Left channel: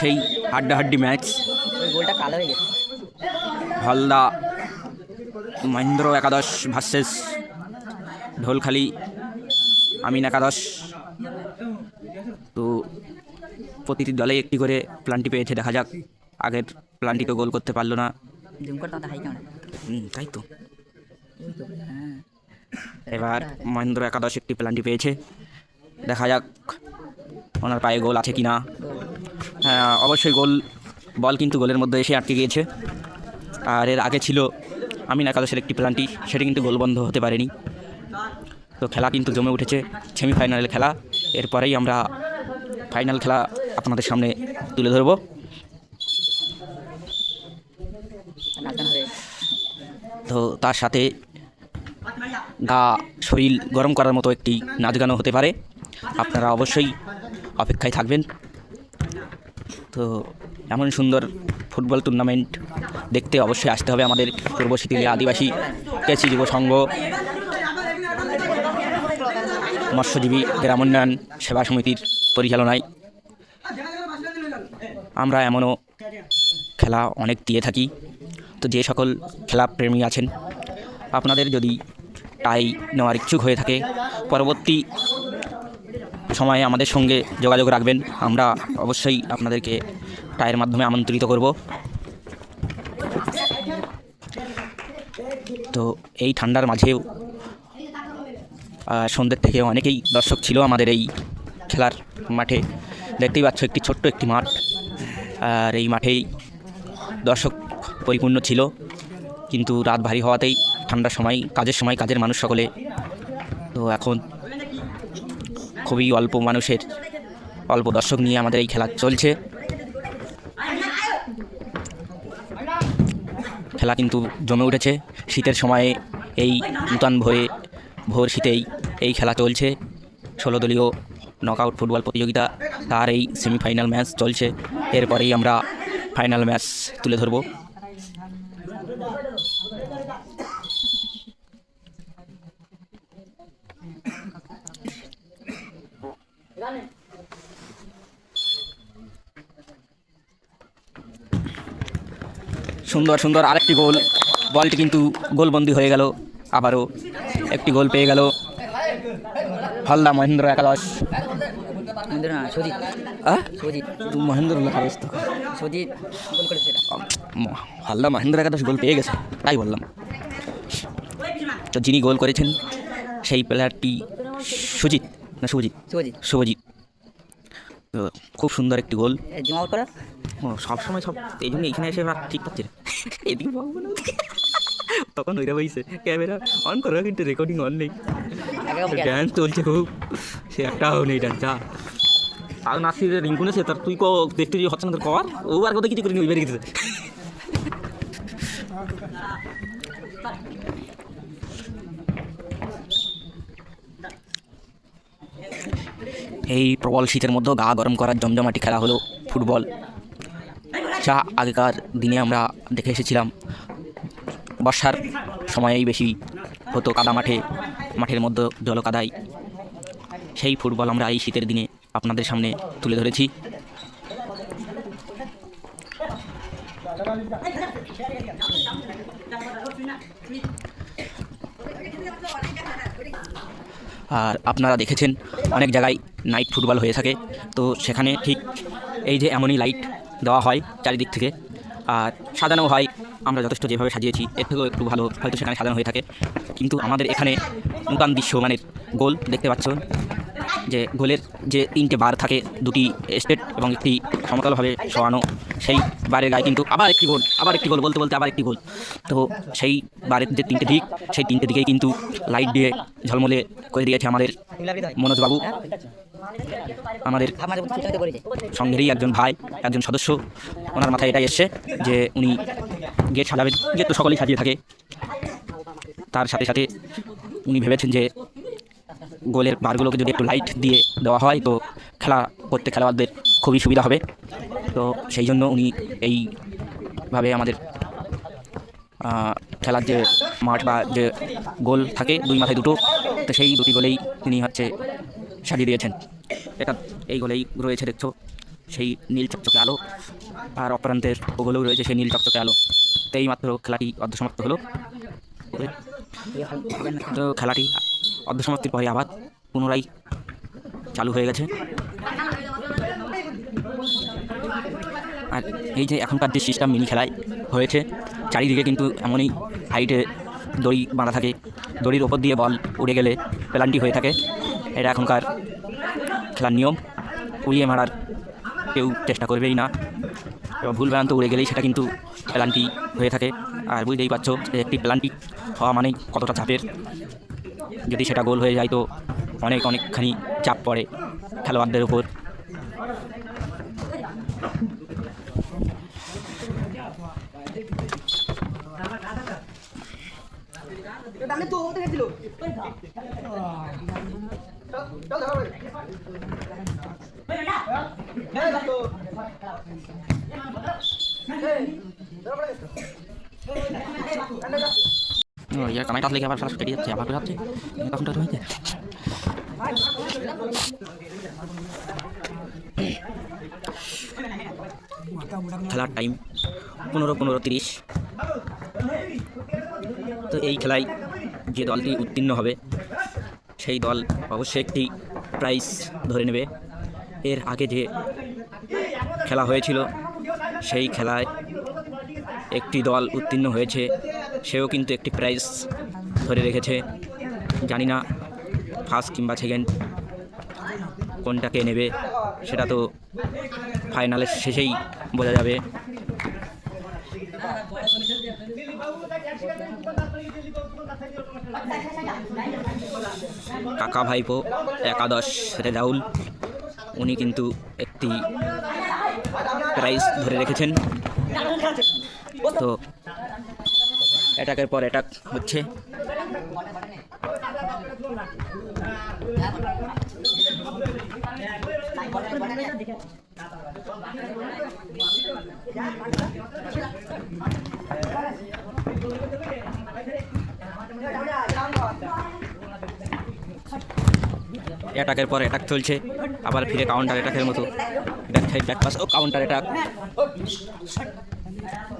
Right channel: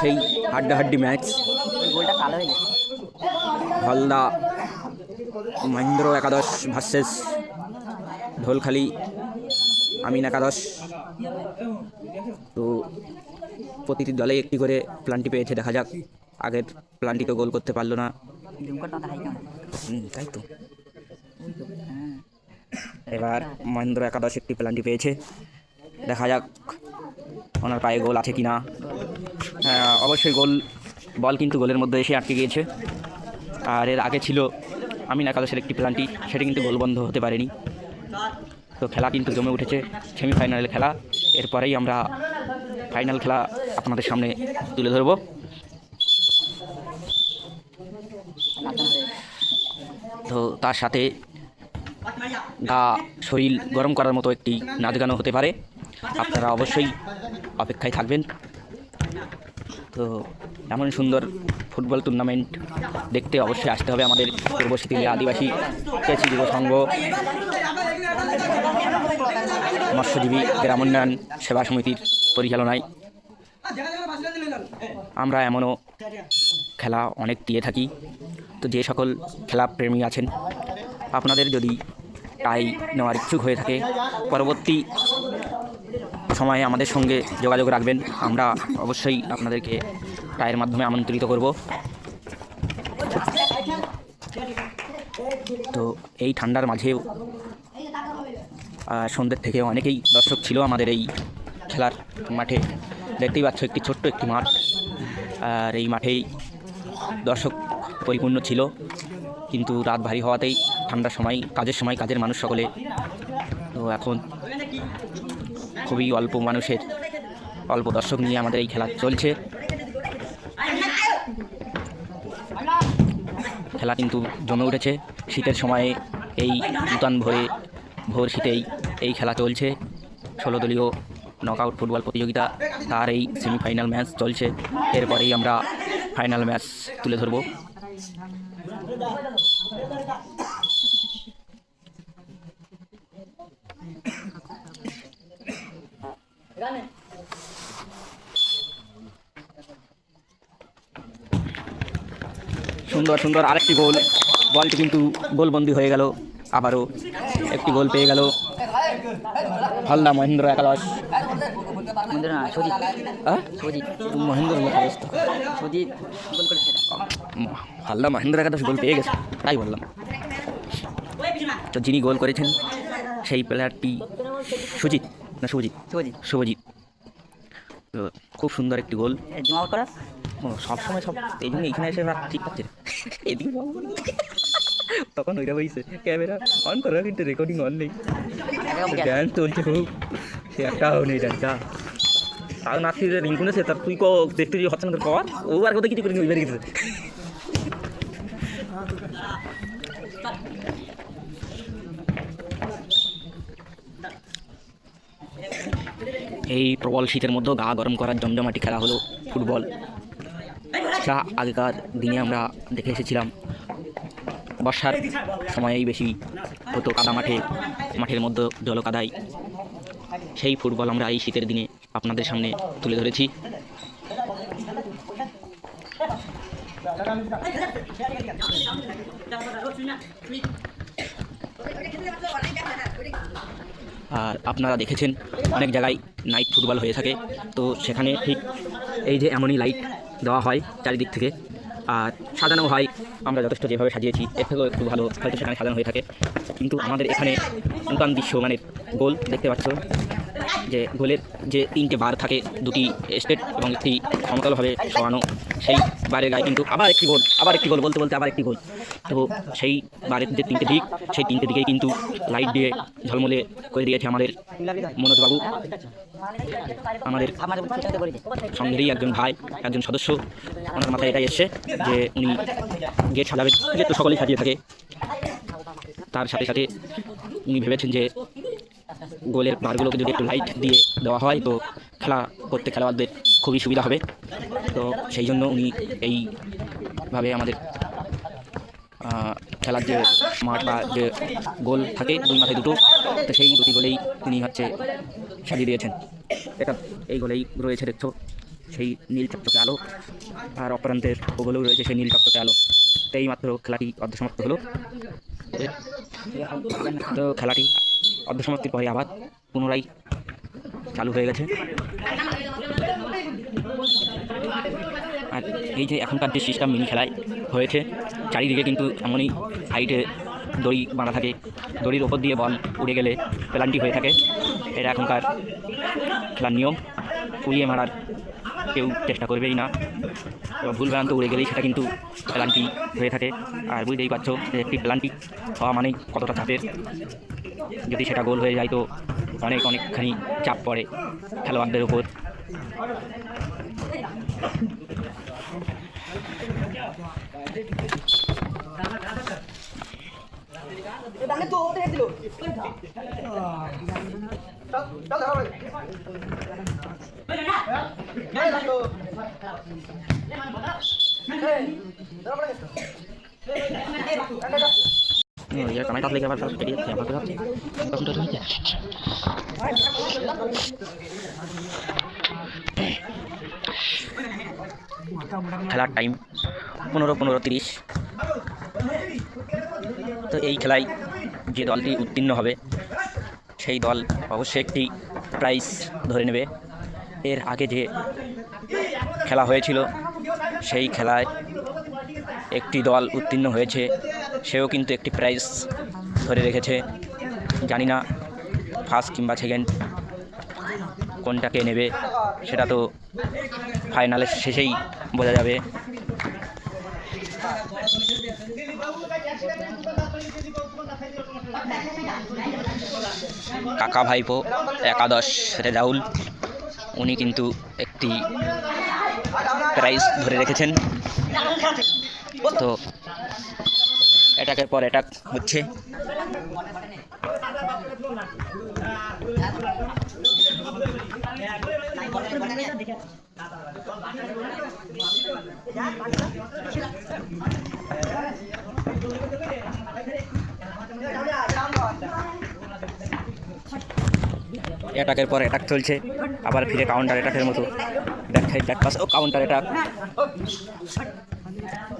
সেই হাড্ডাহাড্ডি ম্যাচ হলদা মহেন্দ্র একাদশ ভার্সেস ঢোলখালি আমিন একাদশ। তো প্রতিটি দলে একটি করে প্লান্টি পেয়েছে, দেখা যাক। আগের প্লান্টি তো গোল করতে পারলো না, তাই তো। এবার মহেন্দ্র একাদশ একটি প্লান্টি পেয়েছে, দেখা যাক ওনার পায়ে গোল আছে কি না। হ্যাঁ, অবশ্যই গোল, বল কিন্তু গোলের মধ্যে এসে আটকে গিয়েছে। আর এর আগে ছিল আমিন একাদশের একটি প্লান্টি, সেটি কিন্তু গোল বন্ধ হতে পারেনি। তো খেলা কিন্তু জমে উঠেছে, সেমিফাইনালের খেলা। এরপরেই আমরা ফাইনাল খেলা আপনাদের সামনে তুলে ধরব। তো তার সাথে গা শরীর গরম করার মতো একটি নাচ গানও হতে পারে, আপনারা অবশ্যই অপেক্ষায় থাকবেন। তো এমন সুন্দর ফুটবল টুর্নামেন্ট দেখতে অবশ্যই আসতে হবে আমাদের পূর্ব শীতলী আদিবাসী কৃষি যুব সংঘ মৎস্যজীবী গ্রামোন্নয়ন সেবা সমিতির পরিচালনায়। আমরা এমনও খেলা অনেক দিয়ে থাকি। তো যে সকল খেলা প্রেমী আছেন, আপনাদের যদি টাই নেওয়ার ইচ্ছুক হয়ে থাকে, পরবর্তী সময়ে আমাদের সঙ্গে যোগাযোগ রাখবেন। আমরা অবশ্যই আপনাদেরকে টাইয়ের মাধ্যমে আমন্ত্রিত করব। তো এই ঠান্ডার মাঝেও সন্ধ্যের থেকে অনেকেই দর্শক ছিল আমাদের এই খেলার মাঠে। দেখতেই পাচ্ছ একটি ছোট্ট একটি মাঠ, আর এই মাঠেই দর্শক পরিপূর্ণ ছিল। কিন্তু রাত ভারী হওয়াতেই ঠান্ডার সময় কাজের মানুষ সকলে, তো এখন খুবই অল্প দর্শক নিয়ে আমাদের এই খেলা চলছে। খেলা কিন্তু জমে উঠেছে। শীতের সময়ে এই নূতন ভোর শীতেই এই খেলা চলছে। 16 দলীয় নকআউট ফুটবল প্রতিযোগিতা, তার এই সেমিফাইনাল ম্যাচ চলছে। এরপরেই আমরা ফাইনাল ম্যাচ তুলে ধরব। সুন্দর সুন্দর আরেকটি গোল, বলটি কিন্তু গোলবন্দি হয়ে গেল। আবারও একটি গোল পেয়ে গেল হালদা মহেন্দ্র একাদশ। হালদা মহেন্দ্র একাদশ গোল পেয়ে গেছে, তাই বললাম। তো যিনি গোল করেছেন সেই প্লেয়ারটি শুভজিৎ। তো খুব সুন্দর একটি গোল। সবসময় এই জন্য এইখানে এসে ঠিক পাচ্ছে তখন ওইটা বইছে ক্যামেরা অন করো, কিন্তু রেকর্ডিং অন নেই। ড্যান্স চলছে খুব, সে একটাও নেই ডান্স। যা তাও নাচছি যে রিঙ্কুন আছে, তার তুই দেখতে যে হচ্ছে না তোর কর, ও আর কোথায় কিছু করিনি, ওই বেরিয়ে গেছে। এই প্রবল শীতের মধ্যেও গা গরম করার জমজমাটি খেলা হলো ফুটবল। যা আগেকার দিনে আমরা দেখে এসেছিলাম বর্ষার সময়েই বেশি হতো, কাদা মাঠের মধ্যে জলকাদায়। সেই ফুটবল আমরা এই শীতের দিনে আপনাদের সামনে তুলে ধরেছি। আর আপনারা দেখেছেন অনেক জায়গায় নাইট ফুটবল হয়ে থাকে, তো সেখানে ঠিক এই যে এমনই লাইট দেওয়া হয় চারিদিক থেকে, আর সাজানো হয়। আমরা যথেষ্ট যেভাবে সাজিয়েছি এর থেকেও একটু ভালো হয়তো সেখানে সাজানো হয়ে থাকে। কিন্তু আমাদের এখানে নূতন বিশ্বমানের গোল দেখতে পাচ্ছ, যে গোলের যে 3টে বার থাকে, 2টি স্টেট এবং একটি সমতলভাবে সরানো, সেই বারের গায়ে কিন্তু আবার একটি গোল বলতে আবার একটি গোল। তো সেই বারের যে 3টে দিক, সেই 3টে দিকেই কিন্তু লাইট দিয়ে ঝলমলে করে দিয়েছে আমাদের মনোজবাবু, আমাদের সঙ্গেরই একজন ভাই, একজন সদস্য। ওনার মাথায় এটাই এসছে যে উনি গেট সাজাবেন, গেট তো সকলেই সাজিয়ে থাকে। তার সাথে সাথে উনি ভেবেছেন যে গোলের বারগুলোকে যদি একটু লাইট দিয়ে দেওয়া হয় তো খেলোয়াড়দের খুবই সুবিধা হবে। তো সেই জন্য উনি এইভাবে আমাদের খেলার যে মাঠ বা যে গোল থাকে 2 মাথায় 2টো, তো সেই 2টি গোলেই তিনি সাজিয়ে দিয়েছেন। এটা এই গোলেই রয়েছে, দেখছো সেই নীল চকচকে আলো, আর অপরান্তের ওগুলোও রয়েছে সেই নীল চকচকে আলো। তো এইমাত্র খেলাটি অর্ধসমাপ্ত হলো। তো খেলাটি অর্ধসমাপ্তির পরে আবার পুনরায় চালু হয়ে গেছে। আর এই যে এখনকার যে সিস্টেম মিনি খেলায় হয়েছে, চারিদিকে কিন্তু এমনই হাইটে দড়ি বাঁধা থাকে, দড়ির ওপর দিয়ে বল উড়ে গেলে পেনাল্টি হয়ে থাকে। এটা এখনকার খেলার নিয়ম। উড়িয়ে মারার কেউ চেষ্টা করবেই না, ভুল ভ্রান্ত উড়ে গেলেই সেটা কিন্তু পেনাল্টি হয়ে থাকে। আর বুঝতেই পারছো যে একটি পেনাল্টি হওয়া মানে কতটা চাপের। যদি সেটা গোল হয়ে যায় তো অনেকখানি চাপ পড়ে খেলোয়াড়দের উপর। ये कमाई टॉस लेके आবার কেটে যাচ্ছে, আবার যাচ্ছে তখন তো হচ্ছে। খেলার টাইম 15:30। তো এই খেলায় যে দলটি উত্তীর্ণ হবে সেই দল অবশ্যই একটি প্রাইজ ধরে নেবে। এর আগে যে খেলা হয়েছিল সেই খেলায় একটি দল উত্তীর্ণ হয়েছে, সেও কিন্তু একটি প্রাইজ ধরে রেখেছে। জানি না ফার্স্ট কিংবা সেকেন্ড কোনটাকে নেবে, সেটা তো ফাইনালের শেষেই বোঝা যাবে। কাকা ভাইপো একাদশ রেজাউল উনি কিন্তু একটি প্রাইজ ধরে রেখেছেন। তো অ্যাটাকের পর অ্যাটাক হচ্ছে। অ্যাটাকের পর অ্যাটাক চলছে, আবার ফিরে কাউন্টার অ্যাটাকের মতো ব্যাক সাইড ব্যাক পাস ও কাউন্টার অ্যাটাক।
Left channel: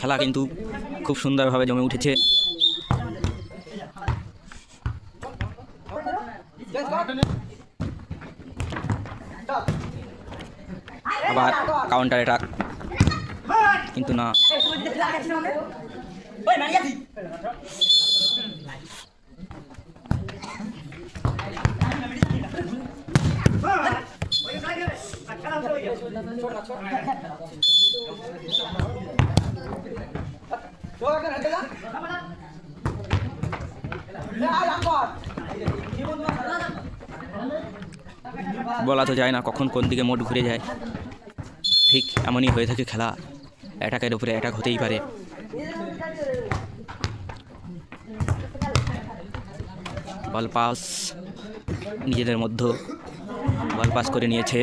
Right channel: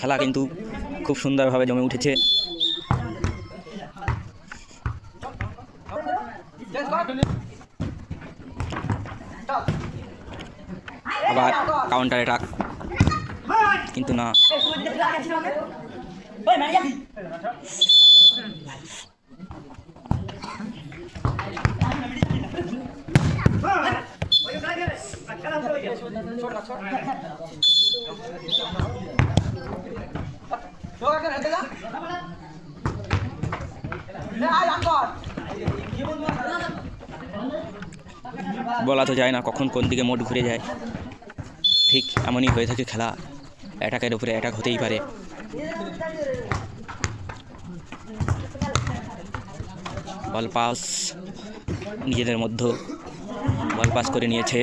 খেলা কিন্তু খুব সুন্দরভাবে জমে উঠেছে। আবার কাউন্টার অ্যাটাক, কিন্তু না, বলা তো যায় না কখন কোন দিকে মোট ঘুরে যায়। ঠিক এমনই হয়ে থাকে খেলা, অ্যাটাকের উপরে অ্যাটাক হতেই পারে। বল পাস নিজেদের মধ্যে বল পাস করে নিয়েছে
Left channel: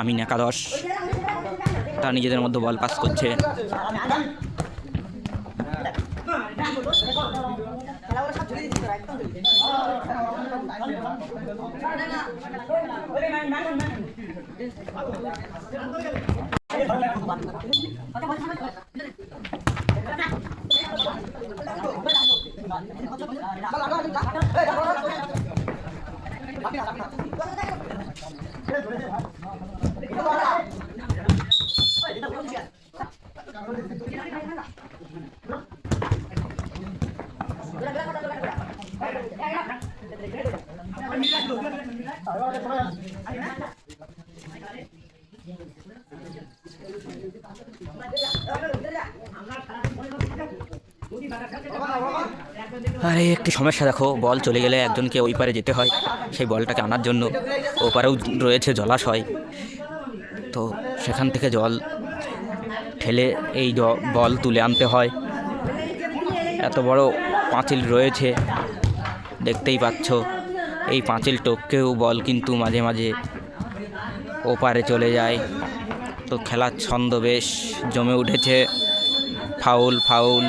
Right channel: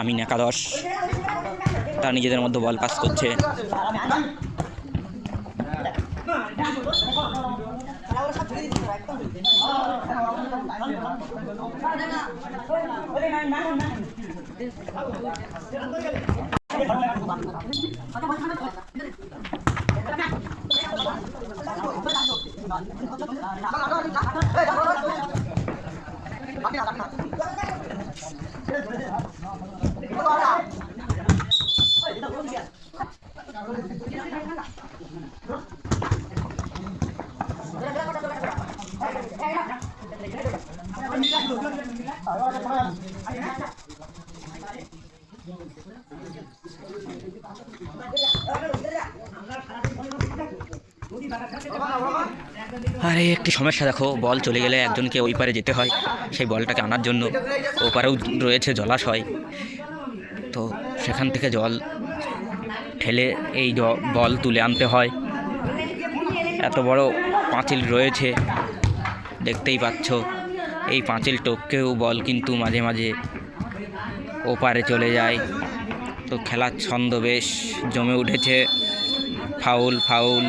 আমিন একাদশ, তারা নিজেদের মধ্যে বল পাস করছে। আরে একটি সমস্যা দেখো, বল চলে গেলে একজনকে ওই পারে যেতে হয় সেই বলটাকে আনার জন্য। ওপারেও রয়েছে জলাশয়, তো সেখান থেকে জল ঠেলে এই বল তুলে আনতে হয়। এত বড় পাঁচিল রয়েছে দেখতেই পাচ্ছ, এই পাঁচিল টপকেও বল কিন্তু মাঝে মাঝে ওপারে চলে যায়। তো খেলার ছন্দ বেশ জমে উঠেছে। ফাউল ফাউল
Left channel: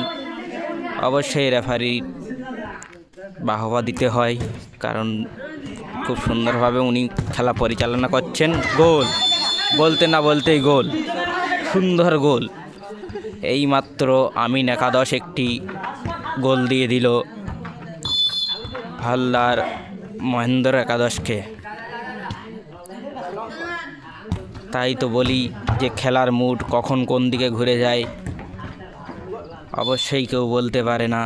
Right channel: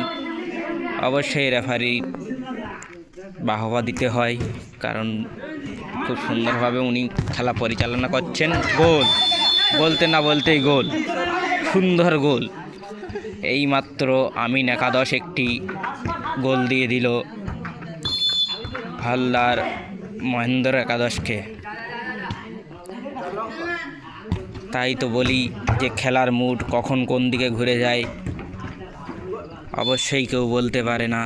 অবশ্যই রেফারি বাহবা দিতে হয়, কারণ খুব সুন্দরভাবে উনি খেলা পরিচালনা করছেন। গোল। বলতে না বলতেই গোল, সুন্দর গোল। এইমাত্র আমিন একাদশ একটি গোল দিয়ে দিল হালদার মহেন্দ্র একাদশকে। তাই তো বলি যে খেলার মুড কখন কোন দিকে ঘুরে যায় অবশ্যই কেউ বলতে পারে না।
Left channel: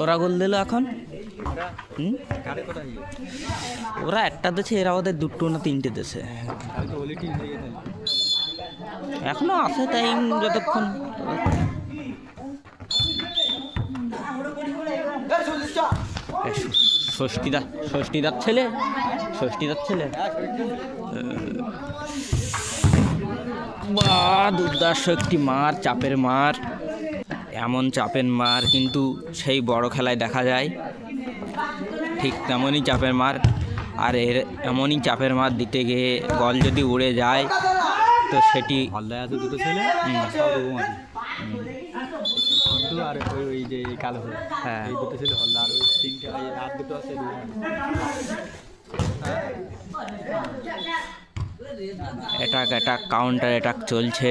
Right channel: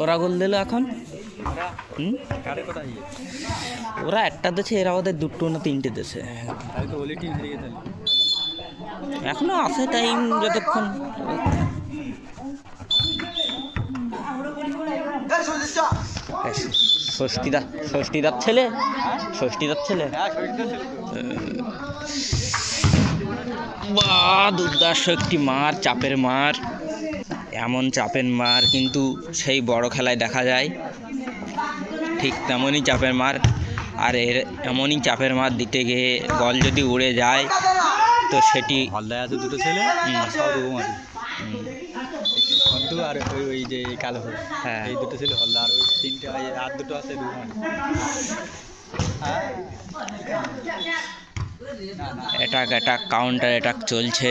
ওরা গোল দিল এখন। ওরা একটা দেশে, এরা ওদের দুটো না তিনটে দেশে এখনো আছে টাইম যতক্ষণ। ষষ্ঠীদার ছেলে বা দুর্দার্শ একটি মার, চাপের মার, এমন চাপের মার কিন্তু সেই বড় খেলায় দেখা যায়। ঠিক তেমনই চাপের মার, আর এমনই চাপের মার দিতে গিয়ে বল যদি উড়ে যায় তো সেটি হলদায় আছে দুটো ছেলে, আর ওই যে কালো, হ্যাঁ এই দুটো ছেলে হলদা, আর ওই তিনটে আর দুটো আছে অ্যাটাক কাউন্টার অ্যাটাক চলছে।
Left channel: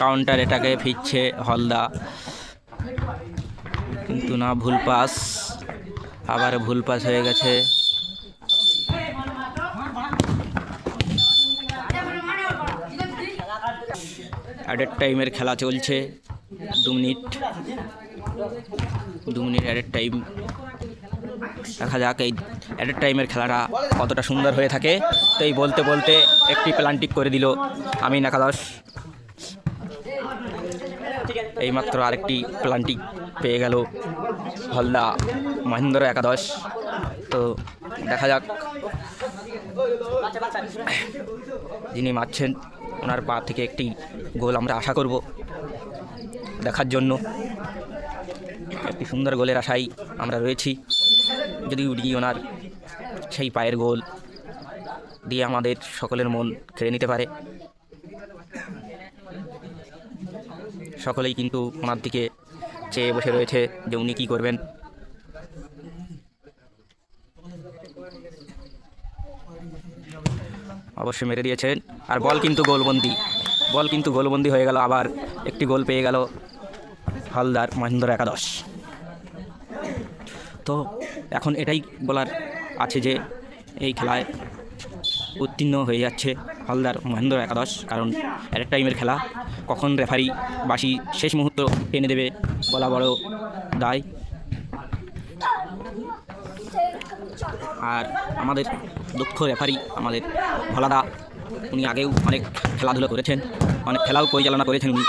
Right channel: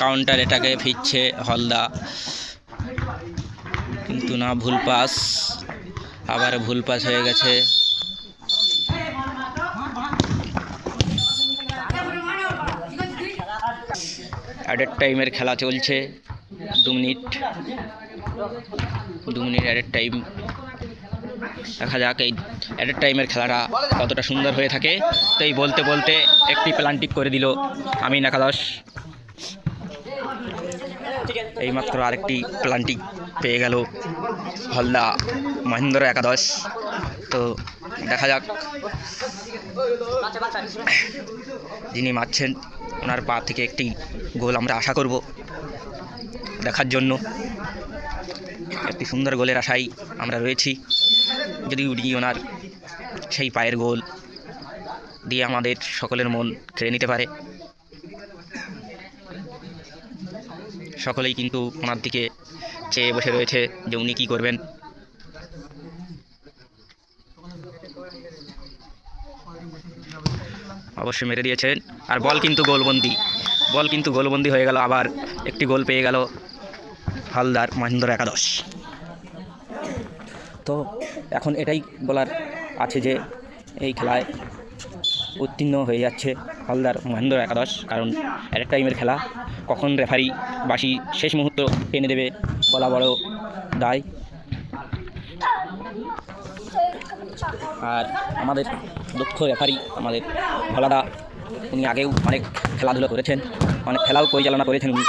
কাউন্টার অ্যাটাকে ফিরছে হলদা, কিন্তু না, ভুল পাস, আবার ভুল পাস হয়ে গেছে। অ্যাডেড টাইমের খেলা চলছে, 2 মিনিট অ্যাডেড টাইম। দেখা যাক এই অ্যাডেড টাইমের খেলাটা কতটা সুন্দর হয়ে থাকে। তো এই বলতে বলতে একটি প্লান্টিক করে দিল আমিন একাদশ। এইমাত্র আরেকটি প্লান্টিক পেয়ে গেল হলদা মহেন্দ্র একাদশ। তো দেখা যাক যিনি মারছেন ওনার পা থেকে একটি গোল আমরা আশা করব দেখার জন্য। একটি সুন্দর গোলের আশায় আমরা রয়েছি, যদি উড়ি ওনার সেই পায়ের গোল দিয়ে আমাদের সকলের মন কেড়ে নিতে পারে। সকলেই কিন্তু ওনার দিকে চেয়ে বসে রয়েছে যে উনি কী করবেন। অবশ্যই মেরে দিয়েছেন, আর বল কিন্তু গোলবন্দি হয়ে গেল। আবার একটি গোল পেয়ে গেল হালদার মহেন্দ্র একাদশ। তো এখন এটাই বলার আছে যে এই খেলায় উত্তীর্ণ হয়ে যাচ্ছে হালদার মহেন্দ্র একাদশ, কারণ অ্যাডেড টাইমের খেলা, কখন রেফারি বাঁশি শেষ মুহূর্ত টেনে দেবে বলা বড় দায়। আর আমাদের দক্ষ রেফারি আমাদের ভোলাদা, উনি আগেও অনেক খেলাধুলো করেছেন, অনেক খেলাও পরিচালনা করেছেন উনি।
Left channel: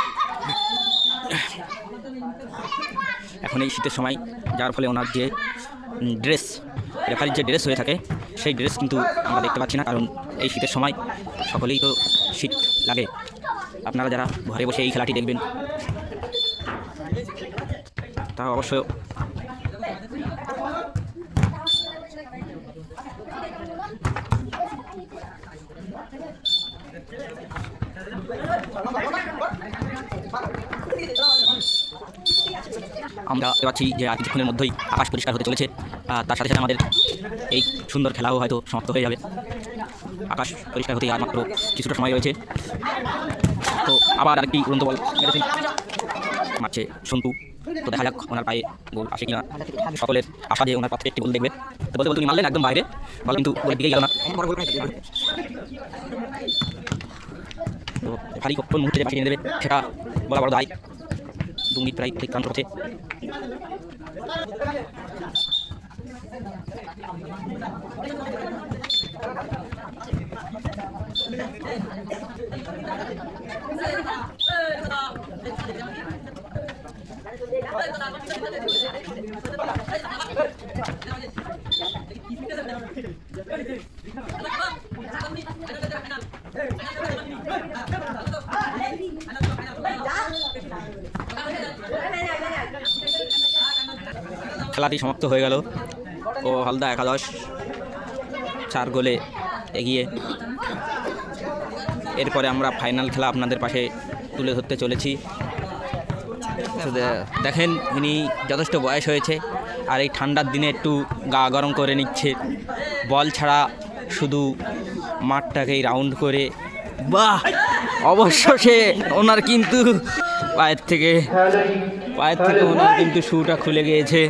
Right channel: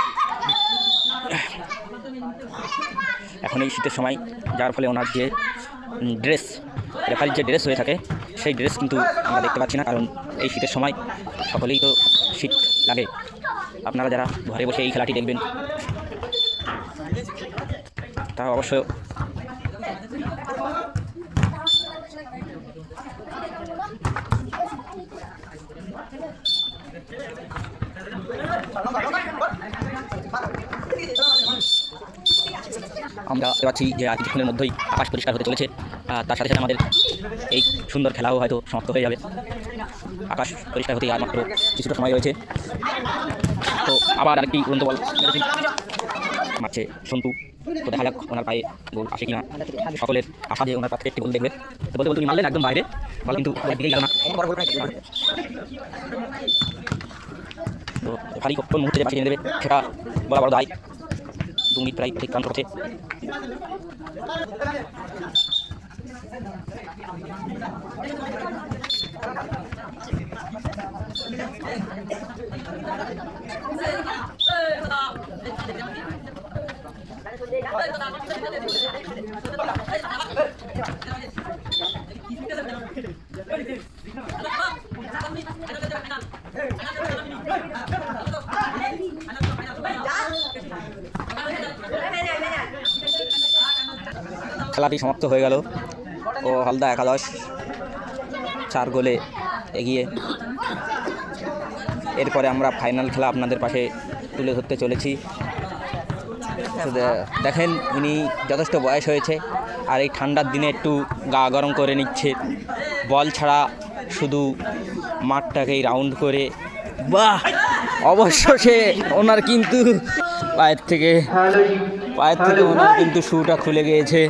এখন এই শীতের সময়, যার ফলে ওনার যে ড্রেস, রেফারির যে ড্রেস হয়ে থাকে সেই ড্রেস কিন্তু আমরা দেখতে পাচ্ছি না, কারণ এই শীতের সময় সকলেই তো শীত লাগে। আপনারা যারা ঘরে বসে এই খেলাটি দেখবেন তা অবশ্য আমরা পাচ্ছি যে আর কিছুক্ষণের মধ্যেই আকাশ পরিষ্কার হতে চলেছে। তার সাথে সাথে আমাদের এই সুন্দর খেলাও হয়তো সমাপ্ত হয়ে যাবে। আকাশ পরিষ্কার হতে আর মাত্র কিছুটা সময় রয়েছে। তো আবার আরেকটি উড়ন্ত বল মারছে সন্তু। তো দেখা যাক ওনার পায়ে গোল আসে কিনা। সকলের আশা যে ওনার পা থেকে একটি গোল দেখবে। তো বলতে বলতে উনি মারলেন একদম বাইরে, বল কিন্তু একদিকেই গেল না। তো খালি কোন মুহূর্তে যে পাশে এনে দেবে সেটা বলা বড় দায়। 2 মিনিট প্রায় অতিক্রান্ত করছে। খেলাটি সমাপ্ত হয়ে গেল ও হলদা একাদশ 4 গোলে এগিয়ে। এরপরে আমরা ফাইনাল খেলা আপনাদের পাশে তুলে ধরতে চলেছি। তো দেখেন ইনি যথেষ্ট বয়স হয়েছে আর এই ঠান্ডার দিনে একটু গা গরম করে নিচ্ছে, বল ছাড়া শুধু মাঠটাকেই রাউন্ড করে। বাহ, অবশ্য সে ওনার কিন্তু পায়ের থেকে ওনার কিন্তু শুটা খুলে গিয়েছে।